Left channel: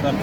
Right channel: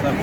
Sir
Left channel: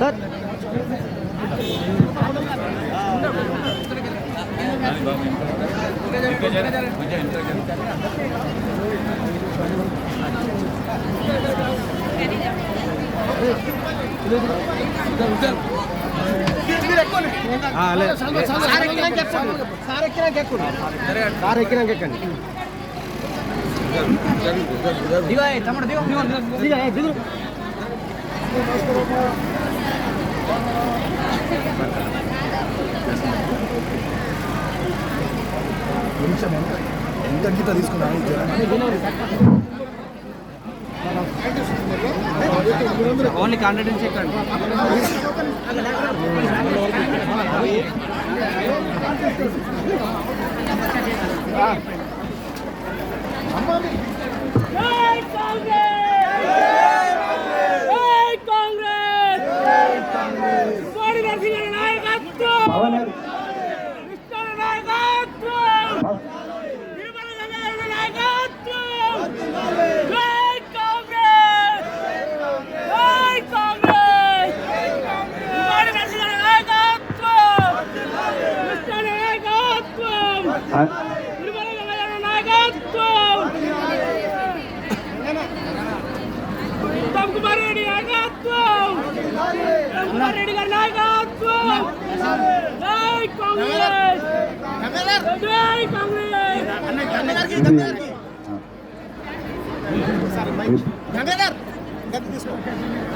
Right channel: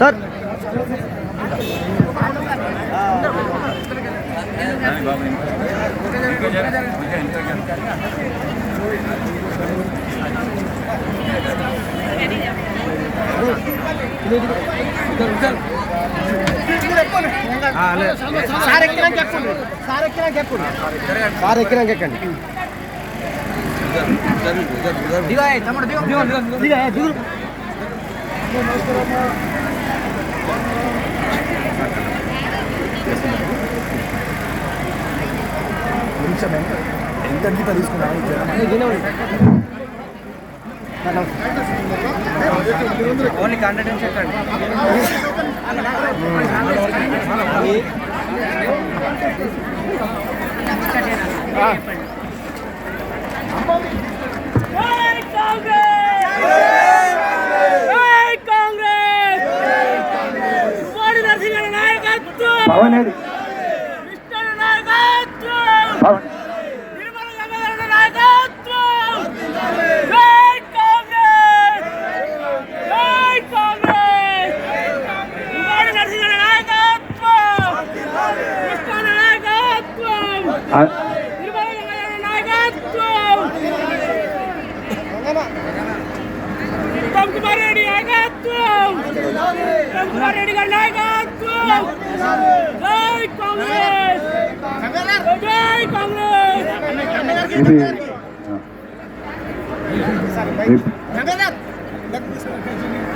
sir కొంచెం ఎంత తీసుకున్నాను ఓన్లీ కాంటాక్ట్ చెప్పండి.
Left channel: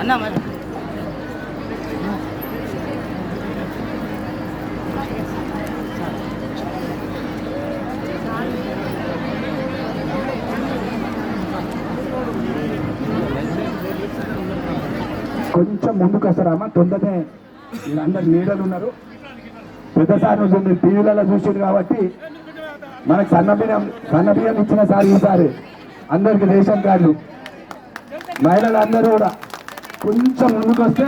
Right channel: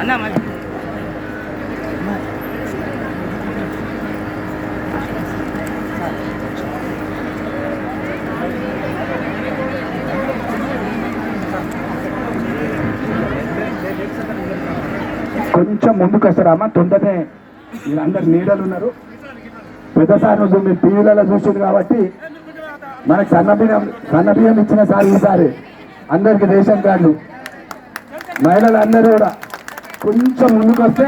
అన్నా మరి కొంచెం ముందుకు వస్తారమ్మా. తొందరనే వీళ్ళందరు నీడలు ఉన్నారు. పెద్దసారి రోజు మీరు టీవీలలో చూసింది కాబట్టి మనకు సన్నబియ్యం ఇచ్చిన సార్ ఈసారి అందరికి రేషన్ కార్డులు మహిళలు అందరూ కూడా కొంచెం ముందుకు వస్తే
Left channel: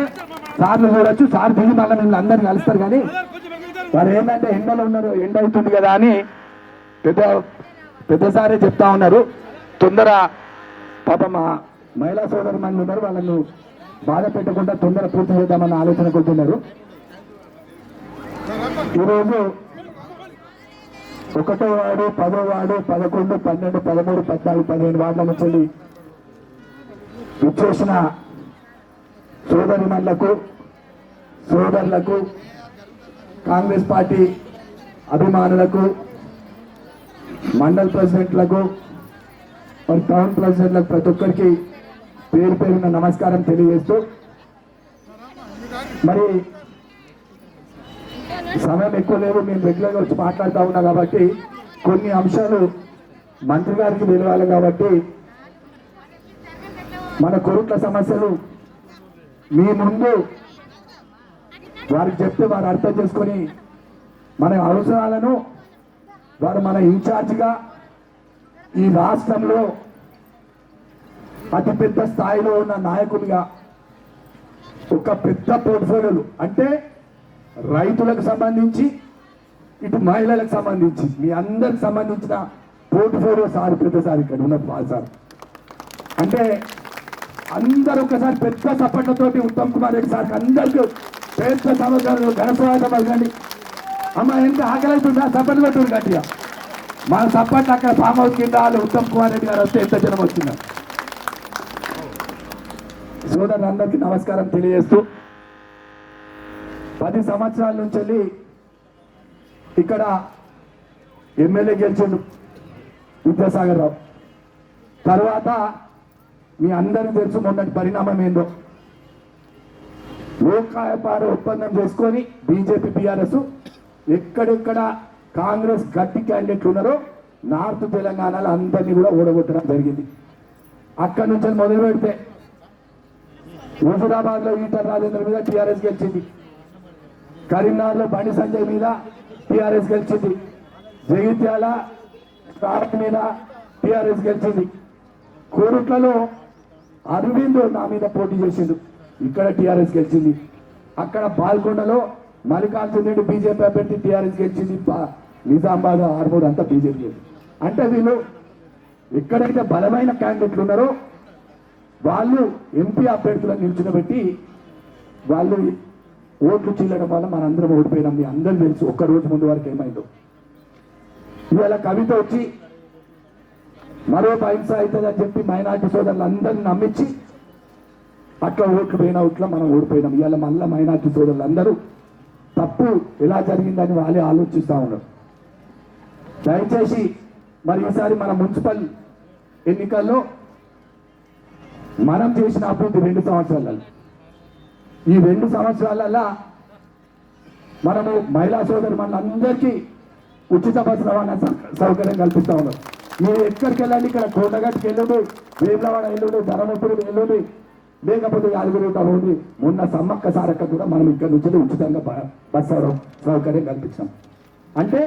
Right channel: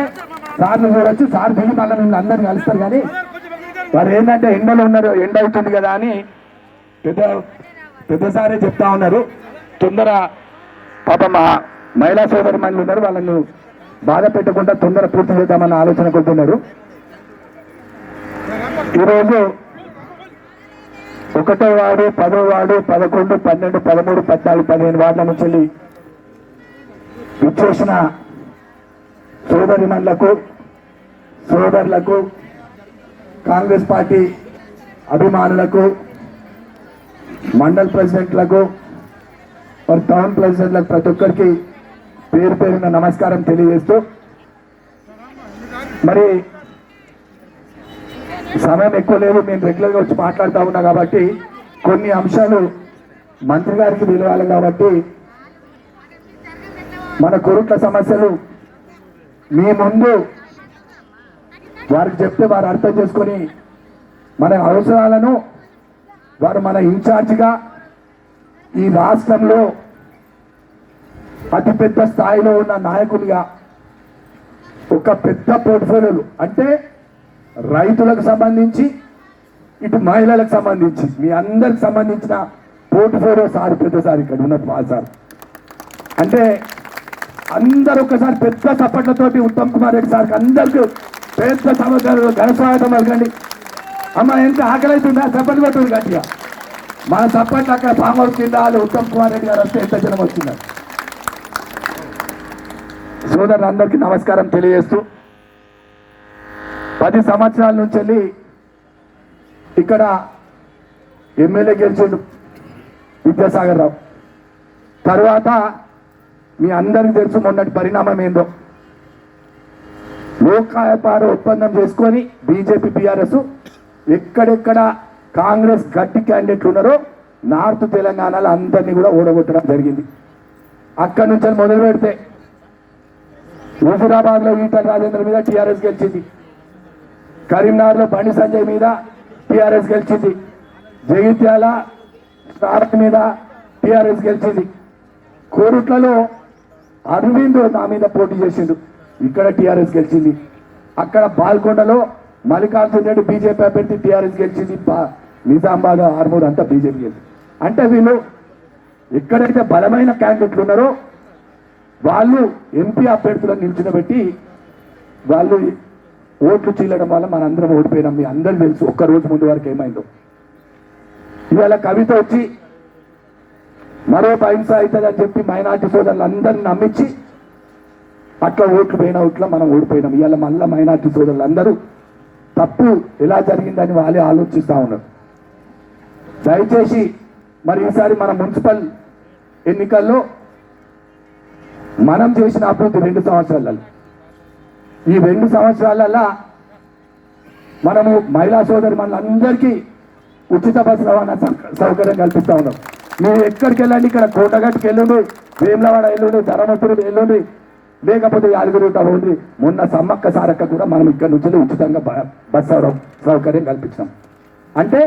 సార్లు చూడొచ్చు. సార్ దిగి మళ్ళీ మిమ్మల్ని అందరిని కలుస్తారు. కానీ వారు ఏంటంటే ఎండలో ఉన్నారు, ఎండ అవుతుంది కదా అని పెద్దసారే చెప్తా ఉన్నారు. తొందర పాప మా మహిళా సోదరి మంది ఉన్నారు, వాళ్ళను బాధ పెట్టకుండా తొందర పూర్తి చేద్దామన్న ఆలోచన కొడుతున్నారు. ఈరోజు 1వ వార్డు, 10వ వార్డు, 11, 12, 13, 14, 15 వార్డుల నుంచి విచ్చేసిన సోదరిమణులకు, సోదరులకు, కాంగ్రెస్ పార్టీ అభిమానులకు, మండల్ ప్రెసిడెంట్లకు, టౌన్ ప్రెసిడెంట్లకు ప్రతి ఒక్కరికి పేరు పేరున నమస్కారం తెలియజేస్తూ, మరి సమయం ఎక్కువ లేదు, మేము రెగ్యులర్గా వచ్చి మాట్లాడుతూ ఉన్నాం కాబట్టి కొన్ని అంశాలు మంత్రి గారికి తెలియాలి. కాబట్టి మన కొరుట్ల సమస్యలు మీ ముందు వారికి చెప్తే వారు అర్థం చేసుకొని మన అవసరాలను వారు మన ఇన్ఛార్జిగా ఈ రాష్ట్రంలో అతిపెద్ద స్థాయిలో ఉన్న నాయకులుగా ఒక పెద్ద పోర్ట్ఫోలియోలు అంటే రైతులకు సంబంధించి ఇటు మహిళలకు సంబంధించి మీ అందరికి సంబంధించిన పోర్ట్ఫోలియో సార్ పెద్దసారి ఇక్కడ ఉన్న సార్ అంటే అందరూ ఒకసారి పెద్ద చప్పట్లతోటి ఉత్తమ్ కుమార్ రెడ్డి సార్కి అందరికీ పెద్ద సంవత్సరాలు ఘనస్వాగతం పలకండి. అమ్మ ఎంత ఆకలి అవుతుందా చప్పట్లు పెట్టుకుని గట్టిగా మన చప్పట్లు అక్కడ ఫామ్ హౌస్ కింద ఉత్తమ్ కుమార్ రెడ్డి గారు వస్తే ఎంత జనం వస్తున్నారు. సోదరులందరికీ నమస్కారం తెలియజేస్తూ 10 సంవత్సరాల నుంచి వెళ్ళి ఇక్కడ ఎమ్మెల్యే గెలిచిండు విద్యాసాగర్ రావు. తర్వాత మీ అందరికీ తెలుసు మొన్నటి పరిణామం ఏందో. లోకాయపార ఒప్పందం చేసుకొని బీజేపీ బీఆర్ఎస్ ఎక్కడెక్కడ కాంగ్రెస్ గట్టి క్యాండిడేట్లు ఉన్నారో నార్త్ తెలంగాణలో అందరినీ కూడా ఓడగొట్టడం జరిగింది. అక్కడి నుంచి మొదలు పెడితే హుజురాబాద్లో ఈటల రాజేంద్ర మీద టీఆర్ఎస్ గెలిచింది, కరీంనగర్లో బండి సంజయ్ మీద టీఆర్ఎస్ గెలిచింది, జగిత్యాల మీద టీఆర్ఎస్ గెలిచింది, కోరుట్లలో అరవింద్ నా మీద పోటీ చేసిండు, ఇక్కడ టీఆర్ఎస్ గెలిచింది, అక్కడ బాల్కొండలో మల్లికార్జున రెడ్డి బీజేపీ అభ్యర్థి టీఆర్ఎస్ గెలిచింది, నిజామాబాద్ ఆర్మూర్ అంతా బీజేపీ గెలిచింది. అంటే వీళ్ళు ఎక్కడైతే బలమైన క్యాండిడేట్లు ఉన్నారో వాళ్ళు ఎంపీ అభ్యర్థులను నిల్చునబెట్టి వాళ్ళు ఓట్లు చీలడం వల్ల మనందరం ఓడిపోయినాం. మీ అందరూ తెలుసు ఒక్కరోజు ముందు వరకు ఏమైందో. ఇవాళ కవిత వచ్చి మరో అహింస అవుతుందని చెప్పి మైనార్టీ సోదరులు అందరినీ నమ్మించి అట్లా ఓట్లు పోయిన ఓట్ల మనం ఓడిపోయినాం. ఇవాళ మళ్ళీ మైనార్టీ సోదరులు అందరూ తప్పు ఎలా జరిగిందని వాళ్ళే ఆలోచిస్తూ ఉన్నారు. దయచేసి మరి ఈసారి మన మున్సిపల్ ఎన్నికల్లో మనం చేసిన అభివృద్ధి 2 సంవత్సరాలలో, ఈ 2 సంవత్సరాలలో మనము మహిళా సోదరు మనందరికీ ఉచిత బస్సు రవాణా సౌకర్యం కల్పిస్తూ ఉన్నాం. మీరు ఎక్కడికి వెళ్ళండి, ఇక్కడ కోటగట్టుకి వెళ్ళండి, వేములవాడ వెళ్ళండి, ధర్మపురి వెళ్ళండి, లేకపోతే యాదగిరిగుట్ట పోండి. మొన్న సమ్మక్క సారక్క కూడా మనం ఇక్కడ నుంచి ఉచితంగా బస్సు సౌకర్యం కల్పించాం. అంటే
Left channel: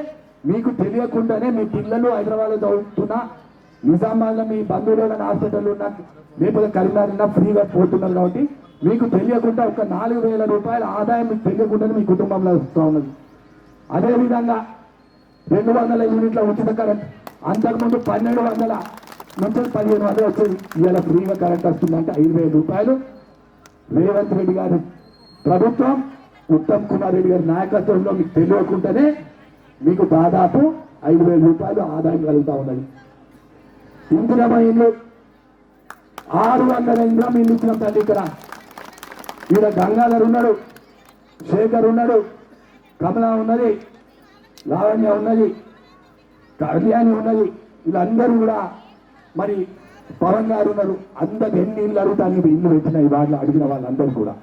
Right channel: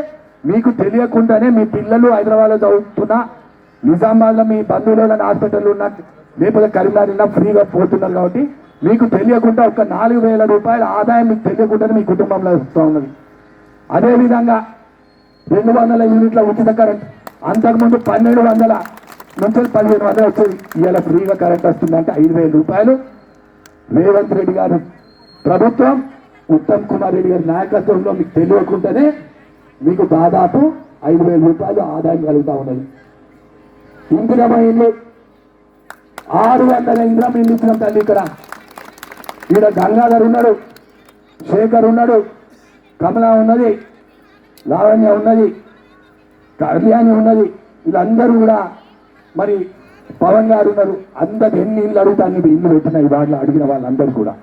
మీకు తెలియకుండానే మీ పిల్లలు హైదరాబాద్లో చదువుతున్నా, నిజామాబాద్లో మీ బంధువుల హాస్పిటల్ ఉన్న, లేకపోతే కరీంనగర్ ఫ్రీగా పోతున్నారు. కాబట్టి మీకు తెలియకుండా ఒక 4,000 రూపాయల ఆదాయం మీకు తెలియకుండానే మీ కుటుంబంలో వస్తూ ఉన్నది. అదేవిధంగా 200 యూనిట్ల ఉచిత కరెంట్, అంతకుముందు 1,200 నుంచి 1,500 వచ్చేది. ఇవాళ ఫ్రీగా కరెంట్ వస్తుందంటే 5,000 రూపాయలు రేవంత్ రెడ్డి గారు ప్రభుత్వం, ఉత్తమ్ కుమార్ రెడ్డి గారి నాయకత్వంలో మీకు తెలియకుండానే మీకు దాదాపు 5,000 రూపాయలు ఆదాయం కలుగుతూ ఉన్నది. ఇందిరమ్మ ఇల్లు 600 ఇందిరమ్మ ఇల్లు ఇచ్చిన తల్లి. ఇక్కడ గంగాధర్ ఉన్నాడు, శేఖర్ ఉన్నాడు, కమల ఉన్నది, లావణ్య ఉన్నది, కళ్యాణి ఉన్నది, వీళ్ళందరూ కూడా మరి పవన్ గారు ఉన్నారు. అందరు ఎన్ని ఇళ్ళు అడుగుతాను ఇల్లు పెట్టిన ఈ వాటిలో అడిగిన వాళ్ళందరూ కూడా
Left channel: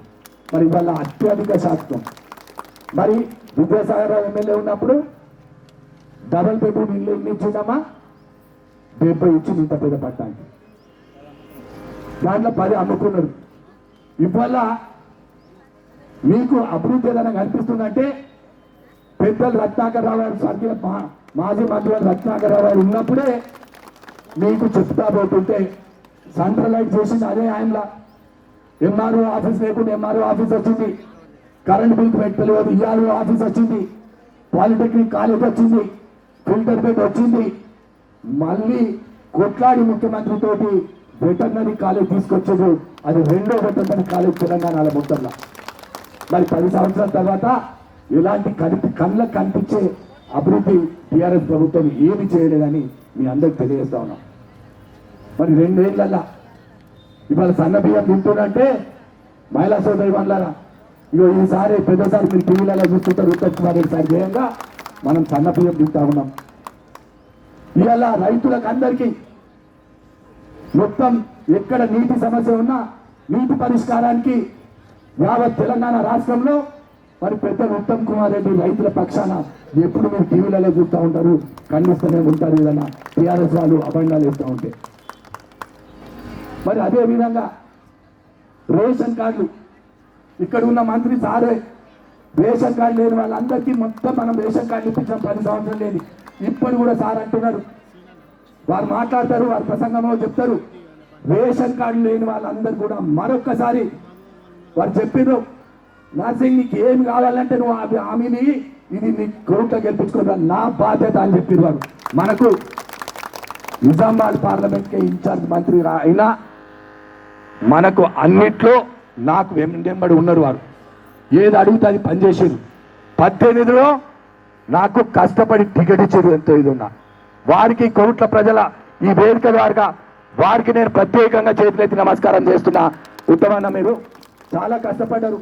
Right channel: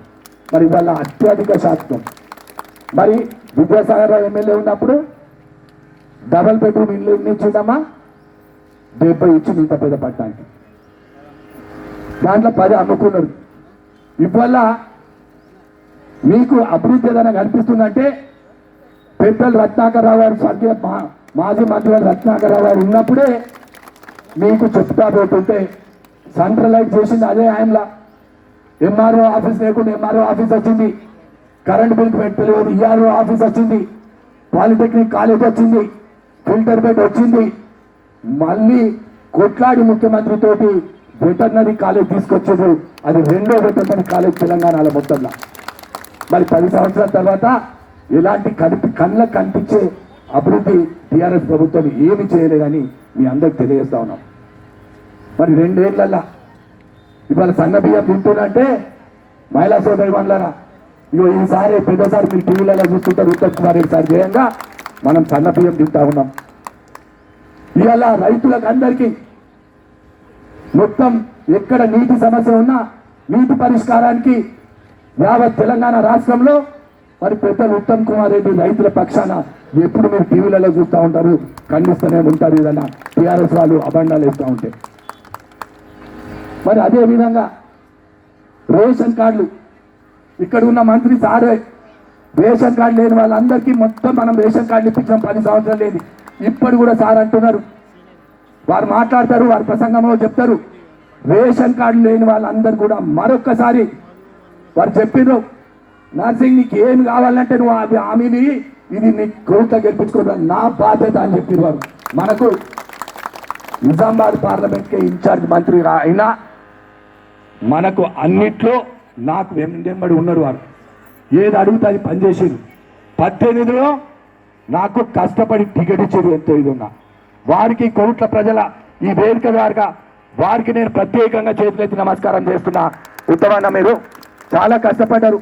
మరి వాళ్ళ అత్యధిక శాతం. మరి విద్యాసాగర్ రావు ఎమ్మెల్యే ఉన్నప్పుడు డబల్ బెడ్రూమ్ ఇల్లు ఇచ్చిందమ్మా 70 ఇచ్చి ఇంత పెద్ద పట్టడానికి, దాంట్లో 10 అమ్ముకున్నారు. ఇవాళ మీకు అభివృద్ధి ఏదైనా కనిపిస్తుందంటే పెద్దలు రత్నాకర్ రావు గారు, స్వర్గీయ మాజీ మంత్రి రత్నాకర్ రావు గారు ఉన్నప్పుడే మీకు చెప్తా పోతుంటే సెంట్రలైజ్ చేసింది అదే ఆయనలా. ఎంఆర్ఓ ఆఫీస్ లేకుండా ఎంఆర్ఓ ఆఫీస్ వచ్చింది, కరెంట్ బిల్ పెట్టలేదు, ఈఆర్ఓ ఆఫీస్ వచ్చింది, పాలిటెక్నిక్ కాలేజ్ వచ్చింది, ఫిల్టర్ బెడ్ వచ్చింది. మళ్ళీ కొట్లాడి ముఖ్యమంత్రితోటి వెటర్నరీ కాలేజ్ తీసుకొచ్చారు. అది 2వ వెటర్నరీ కాలేజ్ తెలంగాణలో మొత్తంలో. మరి 10 సంవత్సరాల తర్వాత ఇలాంటి కళ్ళకు కనిపించే అభివృద్ధి టీఆర్ఎస్ ప్రభుత్వం ఏమి చేయలేదని మీ అందరికి తెలియజేస్తా ఉన్నాం. మరి 2 ఏళ్లలో ఇవాళ సన్న బియ్యం తింటున్నంటే మహిళా సోదరి మండలారా, ఇగో ఈసారి పెద్దసారి మీరు టీవీలలో చూస్తుంటారు, ఉత్తమ్ కుమార్ రెడ్డి సార్ చేయంగా మనం సన్న బియ్యం తింటా ఉన్నాం. ఇవాళ రైతులకు అందరికీ మొత్తం ఎక్కడ నీటి సమస్య ఉన్నా నీటి పరిష్కారానికి యావత్ తెలంగాణ రాష్ట్రంలో మరి పెద్దలు ఉత్తమ్ కుమార్ రెడ్డి రైతుల పక్షాన ఎప్పుడు మీరు టీవీలలో చూస్తూ ఉంటారు, ఖండిస్తూనే ఉంటారు. ఏదైనా టీఆర్ఎస్ వాళ్ళు అబండాలు వేస్తూ ఉంటే మరి అదే విధంగా రేషన్ కార్డులు ఇక్కడ ఉన్న మంత్రి సారే రేషన్ కార్డు లేని వాళ్ళందరికీ మొత్తం మనం రేషన్ కార్డు ఇప్పించాం 10 సంవత్సరాలు లేదు. ఇప్పుడు కూడా సార్ అంటున్నారు, వారు మాట్లాడతారు, వారి ప్రసంగంలో చెప్తారు, రేషన్ కార్డు లేని వాళ్ళందరూ కూడా మరొక్కసారి వారు చెప్పిర్రు, నర్సింగ్ నీకు ఏమి కావాలంటే నువ్వు హామీని ఇది నీ కోర్టులో గెలిపించుకోవడం నా బాధ్యత అని చెప్పిర్రు. వారు మనకు నిజామాబాద్ పార్లమెంట్కి ఇన్ఛార్జ్ మంత్రి అయినా మనకు అన్నిట్లో నాకు వెంబడి ఉన్నారు వారు. ఏది అడిగితే అది పనిచేసారు. 18లో నాకు కష్టపడి టికెట్ ఇచ్చారు. ఎంతో ఇది ఉన్నా వారికి కోట్ల ప్రజల ఈ వేదిక ద్వారా వారికి నేను ప్రత్యేకంగా చేతులెత్తి నమస్కారం చేస్తున్నా. ఉత్తమన్న మీరు చాలా కష్టపడ్డారు,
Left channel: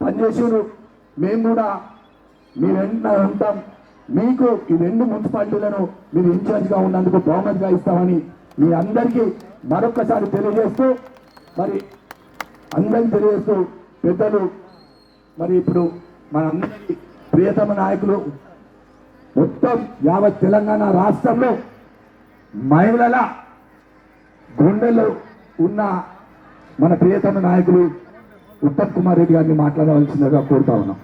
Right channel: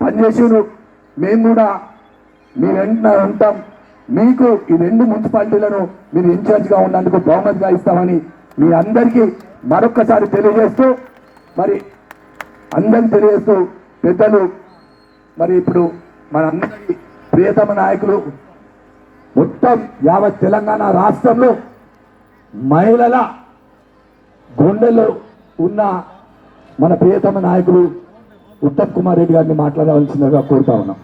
పనిచేసారు. మేము కూడా మీ వెంట ఉంటాం. మీకు ఈ 2 మున్సిపాలిటీలను మీరు ఇన్ఛార్జ్గా ఉన్నందుకు బహుమతిగా ఇస్తామని మీ అందరికీ మరొక్కసారి తెలియజేస్తూ పెద్దలు మరి ఇప్పుడు మన అందరి ప్రియతమ నాయకులు మొత్తం యావత్ తెలంగాణ రాష్ట్రంలో మహిళల గుండెలో ఉన్న మన ప్రియతమ నాయకులు ఉత్తమ్ కుమార్ రెడ్డి గారిని మాట్లాడవలసిందిగా కోరుతా ఉన్నాం.